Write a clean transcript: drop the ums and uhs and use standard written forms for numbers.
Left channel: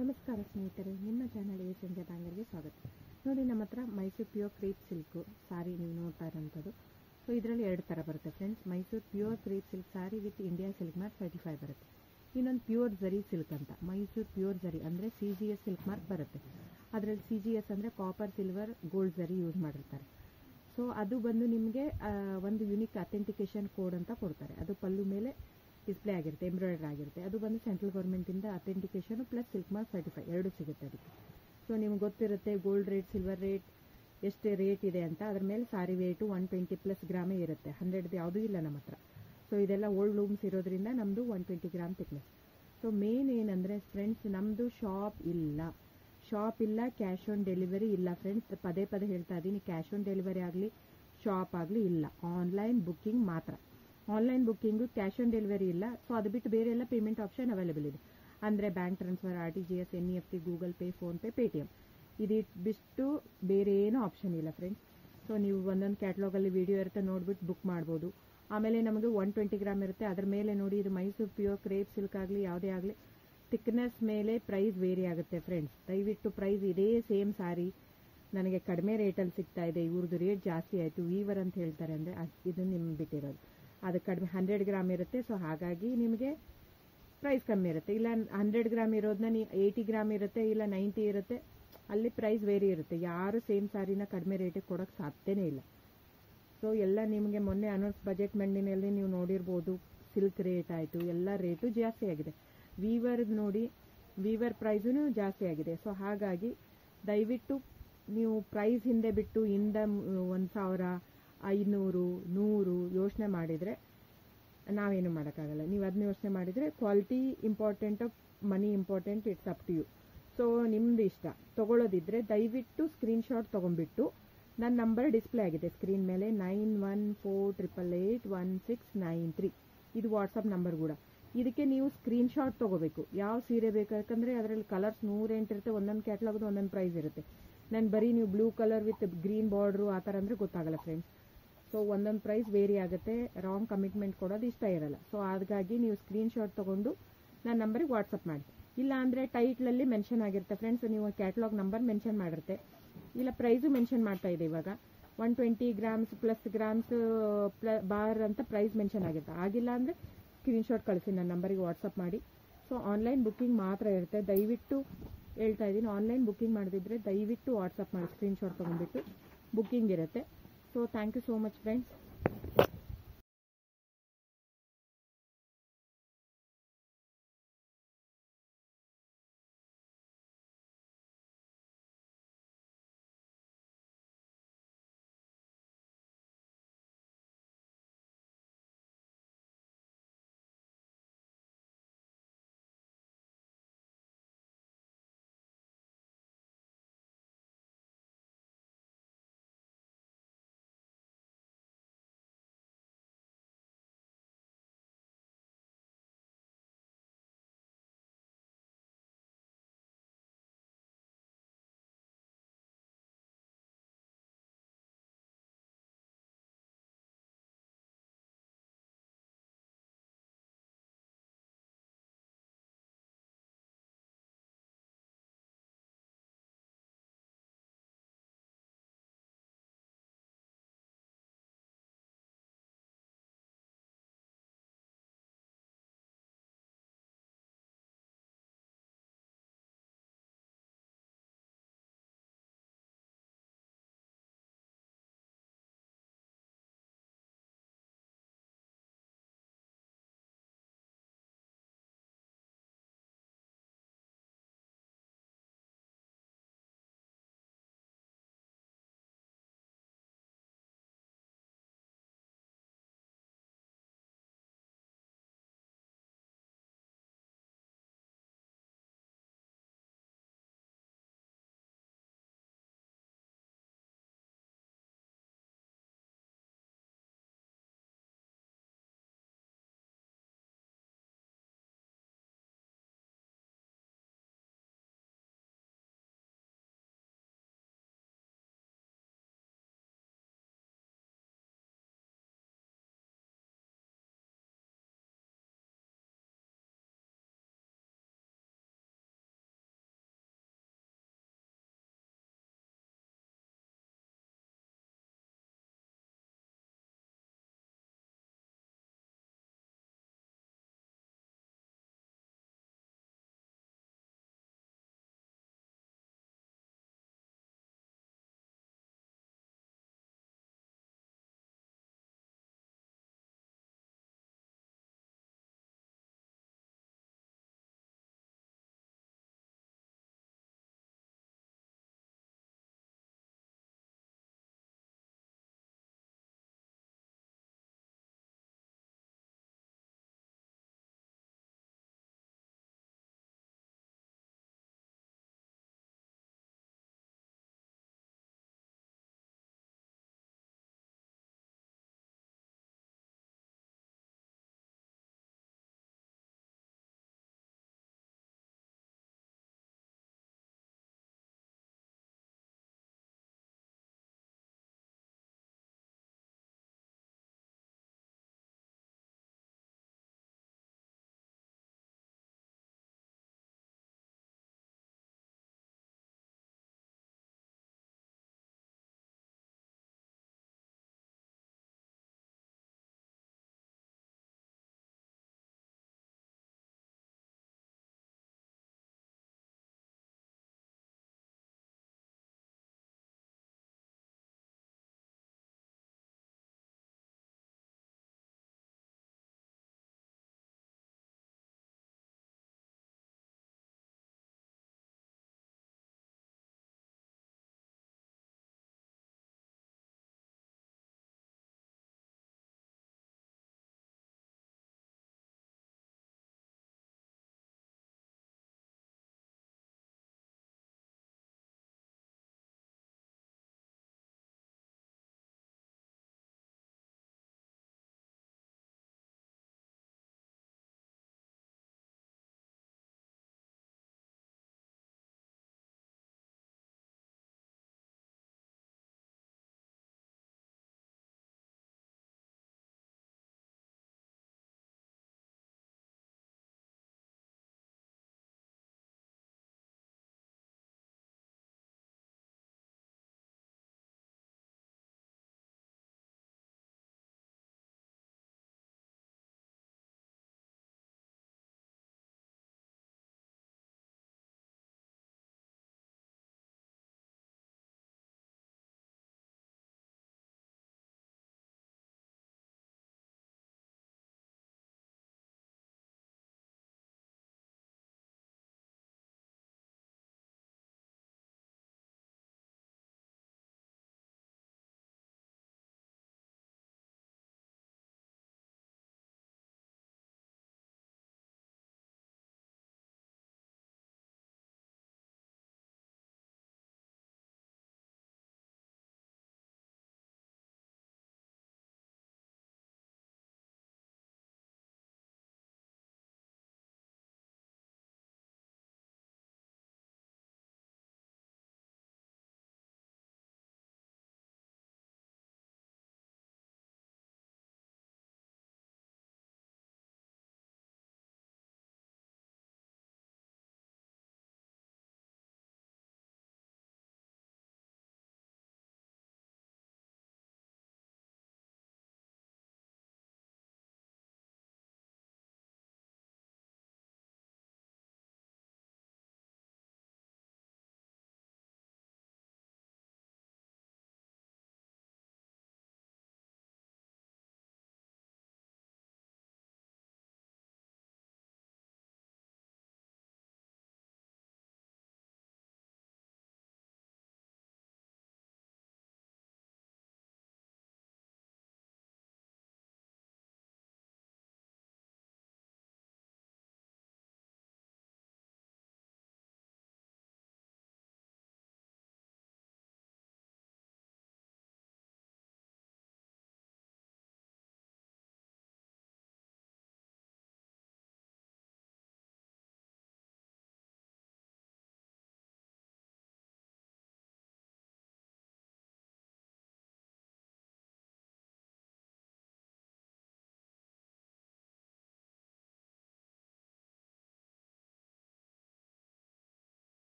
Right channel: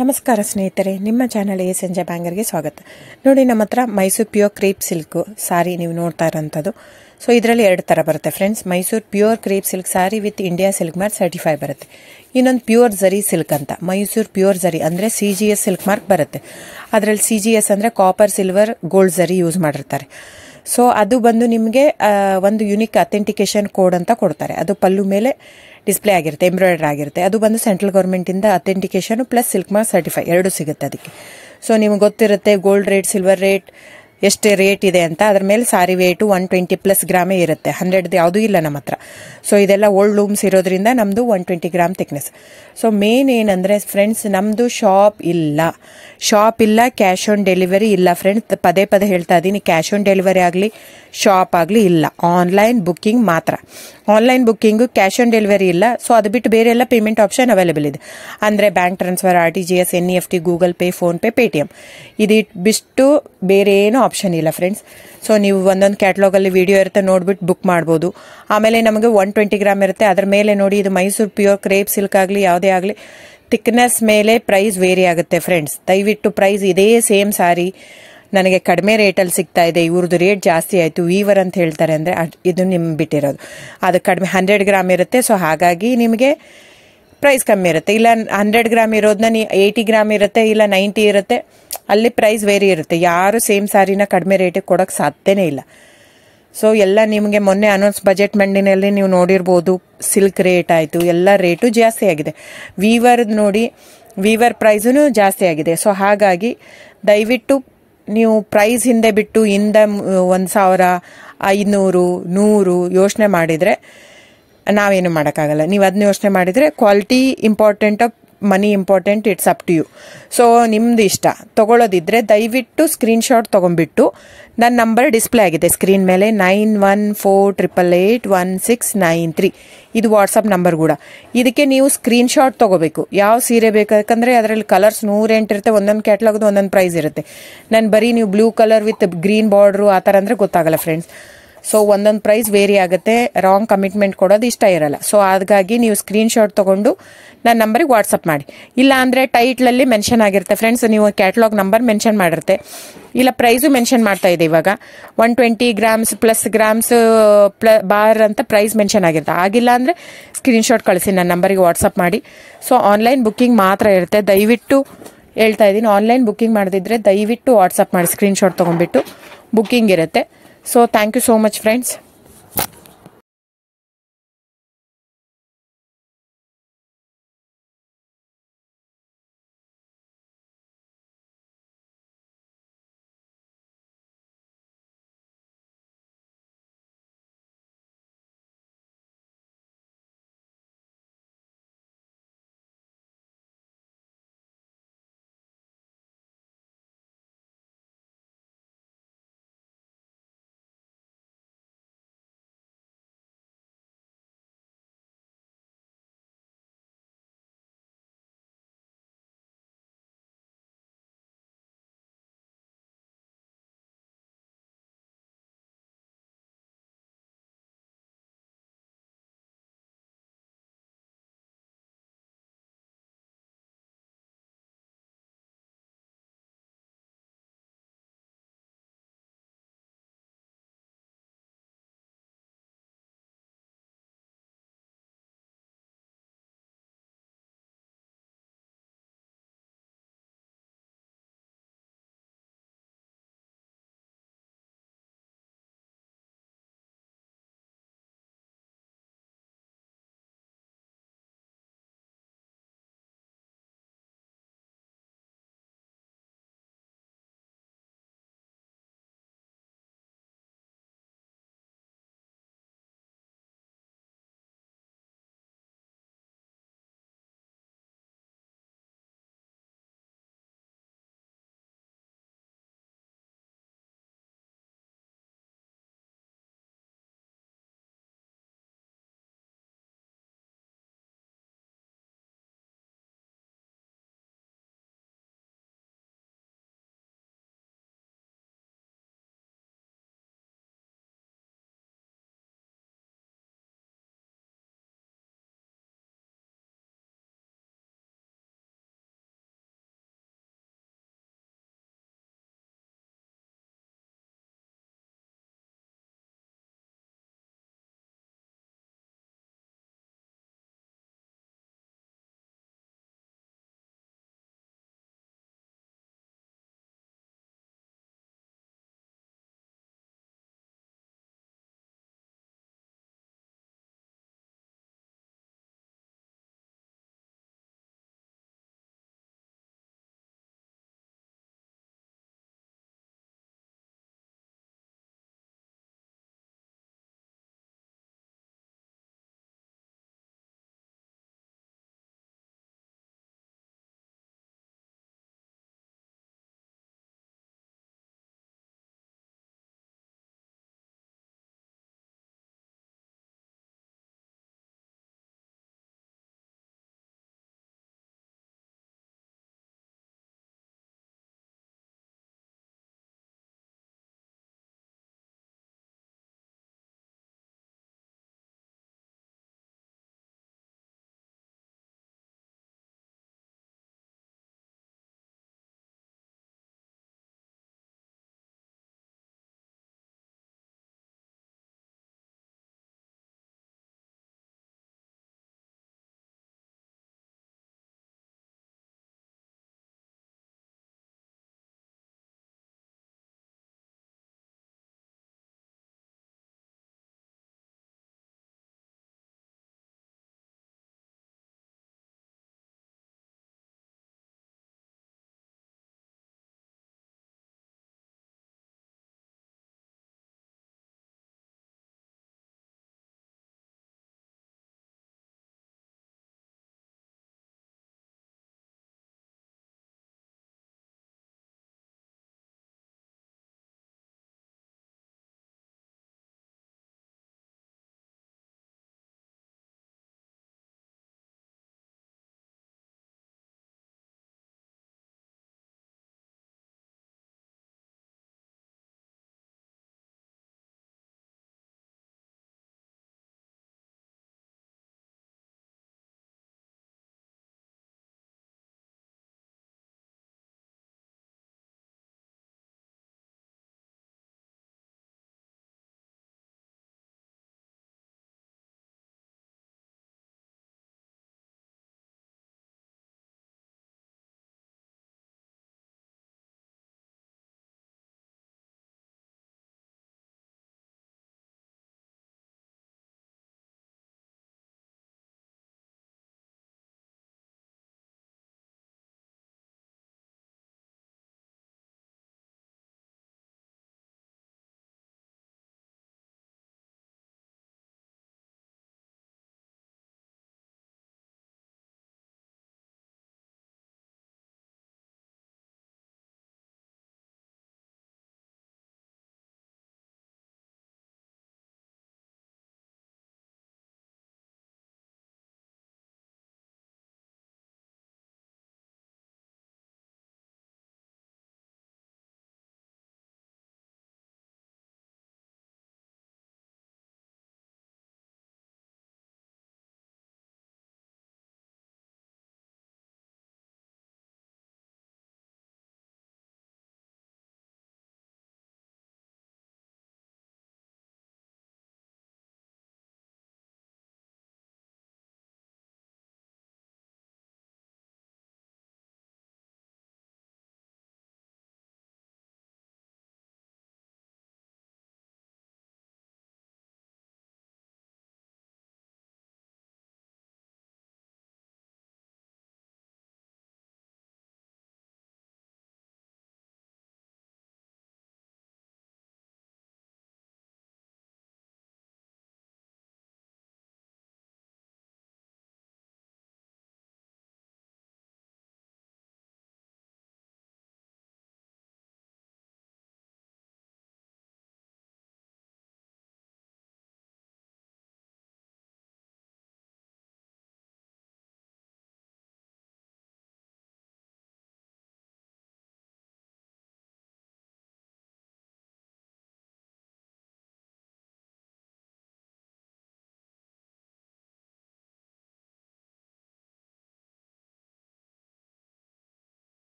ನಮಸ್ಕಾರ ಸ್ನೇಹಿತರೆ, ನಿಮ್ಮ ಚಾನಲ್ ಸಂಜೆ ಬ್ಯಾಂಗರ್ಗೆ ಸ್ವಾಗತ. ನೋಡಿ, ನಮ್ಮ ಹತ್ರ ಮೈಸೂರು ಪ್ಯೂರ್ ಕ್ರೇಪ್ ಸಿಲ್ಕ್ ಸಾರಿ ನೀವು ನೋಡ್ತಾ ಇರೋಂಥದ್ದು. ಸೊ ಇದರಲ್ಲಿ ಎರಡು ಥರ ಬರುತ್ತೆ ಫ್ರೆಂಡ್ಸ್. Mysuru pure crepe silk sorry with India silk mark certify ಬರುತ್ತೆ. ಇನ್ನೊಂದು ಪ್ಯೂರ್ ಝರಿ ಸಿಲ್ಕ್ ಅಂತ, ಮೈಸೂರು ಪ್ಯೂರ್ ಝರಿ ಅಂದರೆ CGS ಸಿಲ್ಕ್ ಮಾರ್ಕ್ ಬರುತ್ತೆ. ಅದರಲ್ಲಿ CGS ಅಂದರೆ ಕಾಪರ್, ಸಿಲ್ವರ್, ಗೋಲ್ಡ್ ಝರಿ ಯೂಸ್ ಮಾಡಿರ್ತಾರೆ. ಸೊ ಅದು ಬಂದು ನಿಮಗೆ ಒಂದು ಯುನಿಕ್ ಅಥೆಂಟಿಕೇಶನ್ ಕೋಡ್ ಅಂತ ಕೊಡ್ತಾರೆ. ಅದು ಪಲ್ಲು ಮೇಲೆ ಡಿಸ್ಪ್ಲೇ ಆಗಿರುತ್ತೆ, ಎಂಬ್ರಾಯ್ಡರ್ ಆಗಿರುತ್ತೆ. ಅದು ಬಂದು ಸೆಂಟ್ರಲ್ ಗೌರ್ಮೆಂಟಿಂದ authentication plus silk mark certify ಎರಡು ಸಿಗುತ್ತೆ ಅದಕ್ಕೆ. ಸೊ ನಿಮ್ಗೆ ಗೊತ್ತಿರುತ್ತೆ ಗೋಲ್ಡ್ ರೇಟ್, ಸಿಲ್ವರ್ ರೇಟ್ ಎಷ್ಟು ರೇಟ್ ಇದೆ ಅಂತ. ಅದ್ರ ಮೇಲೆ ಸಾರಿ ವೇಟು 120+ ಗ್ರಾಮೇ ಇರುತ್ತೆ, 100 ಯಾವುದೂ ಇಲ್ಲ ನಮ್ಮ ಹತ್ರ. ಸೊ ಇದೆಲ್ಲ ಓಲ್ಡ್ ಲೂಮ್ಸ್ ಇರೋದ್ರಿಂದ ನಮ್ಮದು 120 ಗ್ರಾಮ್ ಥಿಕ್ನೆಸ್. ಸೊ ಮೇನ್ ಏನಂದರೆ ಫ್ರೆಂಡ್ಸ್, ನಮ್ಮದು ಶಾಪ್ ಇಲ್ಲ, ಕ್ಯಾಶ್ ಆನ್ ಡೆಲಿವರಿ ಇಲ್ಲ ಫ್ರೆಂಡ್ಸ್. ಪದೇ ಪದೇ ಹೇಳ್ತಾ ಇದ್ದೀನಿ, ಕ್ಯಾಶ್ ಆನ್ ಡೆಲಿವರಿ ಆಗಲಿ ಶಾಪ್ ಆಗಲಿ ಇಲ್ಲ, ಆನ್ಲೈನ್ ಬುಕ್ಕಿಂಗ್ ಮಾತ್ರ. Online booking, cash on delivery ಇಲ್ಲ. ಸೊ ಅದು ಬಿಟ್ಟು ಬೇರೆ ಎಲ್ಲ ಪೇಮೆಂಟ್ ಆಪ್ಷನ್ ಅವೈಲೇಬಲ್ ಇದೆ. ಅಂದರೆ bank transfer, RTGS, NEFT, Google pay, PhonePe, Paytm. ಇದು ಬಿಟ್ಟು ಬೇರೆ ಏನೂ ಆಪ್ಷನ್ ಇಲ್ಲ ಫ್ರೆಂಡ್ಸ್. ಸೊ ನೀವು ಒಂದೊಂದು ಕ್ಯಾಟ್ಲಾಗಲ್ಲಿ ವಿಡಿಯೋ ಇರುತ್ತೆ, ನೋಡ್ಬಿಟ್ಟು ಬುಕ್ ಮಾಡ್ಬೋದು. ಆಮೇಲೆ ನಮಗೆ 120 ಗ್ರಾಮ್ ಇರುತ್ತೆ. ಅದ್ರ ಮೇಲೆ ನೋಡಿ, ಇದು ಮೈಸೂರು ಪ್ಯೂರ್ ಕ್ರೇಪ್ ಸಿಲ್ಕ್ ಆಗಲಿ ಯಾವುದೇ ಆಗಲಿ ಥಿಕ್ನೆಸ್ ಮೇಲೆ ಪ್ರೈಸ್ ವೇರಿ ಆಗುತ್ತೆ ಫ್ರೆಂಡ್ಸ್. ದಯವಿಟ್ಟು ಪ್ರೈಸ್ ಇದೇ ಸೇಮ್ ಸಾರಿ ನನಗೆ ಕಡಿಮೆ ರೇಟಲ್ಲಿ ಸಿಗ್ತಾ ಇದೆ, ಇವ್ರದ್ದು ರೇಟ್ ಜಾಸ್ತಿ ಆಯಿತು ವೀವರ್ ಅಂತ ಹೇಳ್ತಾರೆ ಅಂದರೆ ಇದು ನಿಮ್ಗೆ ಬಿಟ್ಟಿರೋದು. ಅದು ಕಡಿಮೆ 100 ಗ್ರಾಮ್ ಇರುತ್ತೆ. ಸೊ ಹಾಗಾಗಿ ನಿಮಗೆ ಪ್ರೈಸ್ ಕಮ್ಮಿ ಇರುತ್ತೆ. ಇಲ್ಲ 100 ಗ್ರಾಮ್ ಇರೋದನ್ನ 80 ಗ್ರಾಮ್ ಇರುತ್ತೆ, ಇಲ್ಲ 90 ಇರುತ್ತೆ, ಅಲ್ಲಿ ಪ್ರೈಸ್ ವೇರಿ ಇರುತ್ತೆ. ಯಾರು ಸೇಮ್ ಸಾರಿನ ಕಡಿಮೆ ರೇಟಿಗೆ ಕೊಡೋಕ್ಕೆ ಸಾಧ್ಯನೇ ಇಲ್ಲ. ಸೊ ಎಲ್ಲ ನಿಮಗೆ ಮೊನ್ನೆ ಅನೌನ್ಸ್ ಬಜೆಟ್ ಮಂಡಿನಲ್ಲಿ ನೀವು ನೋಡಿರ್ಬೋದು, ಸಿಲ್ಕ್ ರೇಟ್ ಆಯಿತು, ಎಲ್ಲ ರೇಟು ಜಾಸ್ತಿ ಆಗಿದೆ. ವೀವರ್ದು ನೋಡಿ, ವೀವರ್ ಪ್ರೈಸೂ ಜಾಸ್ತಿ ಆಗಿದೆ. ಸೊ ಹಾಗಾಗಿ ದಯವಿಟ್ಟು ನೀವು ಪ್ರೈಸ್ ಹಿಂದೆ ಬಿಟ್ಟು 1,000, 500, 100 ಯೋಚನೆ ಮಾಡಿದರೆ ನಾವೇನು ಮಾಡೋಕ್ಕಾಗಲ್ಲ. ನೀವು ಅದನ್ನ ಯೋಚನೆ ಮಾಡಿದರೆ quality important, money important, it's up to you. So ನಿಮ್ಮದು ಇಷ್ಟ. ತೊಗೊಳ್ಳೋದಿದ್ರೆ ದಯವಿಟ್ಟು ಸ್ಕ್ರೀನ್ಶಾಟ್ ತೊಗೊಂಡ್ಬಿಟ್ಟು, ನನ್ನ ನಂಬರ್ ಡಿಸ್ಪ್ಲೇ ಆಗಿದೆ ಸ್ಕ್ರೀನ್ ಮೇಲೆ, 9148881693. ಇದು ವಾಟ್ಸಪ್ ನಂಬರ್ ಕೂಡ. ಇದಕ್ಕೆ ನೀವು ಸ್ಕ್ರೀನ್ಶಾಟ್ ತೊಗೋಬೇಕು. ಯಾವ ಸೀರೆ ಬೇಕು, ಯಾಕಂದರೆ ಅದರಲ್ಲಿ ಕಲರ್ಸ್ 108 ಇರುತ್ತೆ, ಒಂದೊಂದು ಕ್ಯಾಟ್ಲಾಗ್ದು ಒಂದೊಂದು ಪ್ರೈಸ್ ಇರುತ್ತೆ. ನಾನು ಬರೀ ನೀವು blue colour with green border ಆ ಥರ ಅಂದರೆ ಗೊತ್ತಾಗಲ್ಲ ಫ್ರೆಂಡ್ಸ್. ಸೊ ಒಂದೊಂದು ಪ್ರೈಸ್ ವೇರಿ ಆಗುತ್ತೆ, ರಾಂಗ್ ಕಮಿಟ್ಮೆಂಟ್ ಕೊಡೋದು ಇಷ್ಟ ಇರಲ್ಲ. ಸೊ ಹಾಗಾಗಿ ನೀವು ಸ್ಕ್ರೀನ್ಶಾಟ್ ತೊಗೊಂಡು ನನ್ನ ನಂಬರಿಗೆ ವಾಟ್ಸಪ್ ಮಾಡಿ. ಇಲ್ಲ ಅಂದರೆ ಟೈಟ್ಲಲ್ಲಿ ಮೆನ್ಷನ್ ಆಗಿರುತ್ತೆ ಫ್ರೆಂಡ್ಸ್, ನೀವು ಕ್ಯಾಟ್ಲಾಗ್ ನಂಬರ್ ಮೆನ್ಷನ್ ಮಾಡಿರುತ್ತೆ, ಇಲ್ಲ ಪ್ರೈಸು ಮೆನ್ಷನ್ ಮಾಡ್ತಾ ಇದೆ. ಇವಾಗ 120 ಗ್ರಾಮ್ಸ್ ಪ್ಲಸ್ ಗ್ರಾಮ್ಸ್ ಬಾರ್ ಅಂತ ಪ್ರೈಸ್ ಮೆನ್ಷನ್ ಆಗಿರುತ್ತೆ. ಆಗಿಲ್ಲ ಅಂದರೆ ಸ್ಕ್ರೀನ್ಶಾಟ್ ಕಳಿಸಿ, ನನ್ನ ನಂಬರಿಗೆ ವಾಟ್ಸಪ್ ಮಾಡಿ. ಸೊ ಆನ್ಲೈನ್ ಬುಕ್ಕಿಂಗ್ ಮಾತ್ರ ಇರುತ್ತೆ. ದಯವಿಟ್ಟು ಹೇಳ್ತಾ ಇದ್ದೀನಿ, ಆನ್ಲೈನ್ ಬುಕ್ಕಿಂಗ್ ಮಾಡದಿದ್ದರೆ ದಯವಿಟ್ಟು ವಾಟ್ಸಪ್ ಮಾಡಿ, ಸ್ಕ್ರೀನ್ಶಾಟ್ ತೊಗೊಂಡ್ಬಿಟ್ಟು ಬುಕ್ಕಿಂಗ್ ಇರುತ್ತೆ. So thank you so much friends.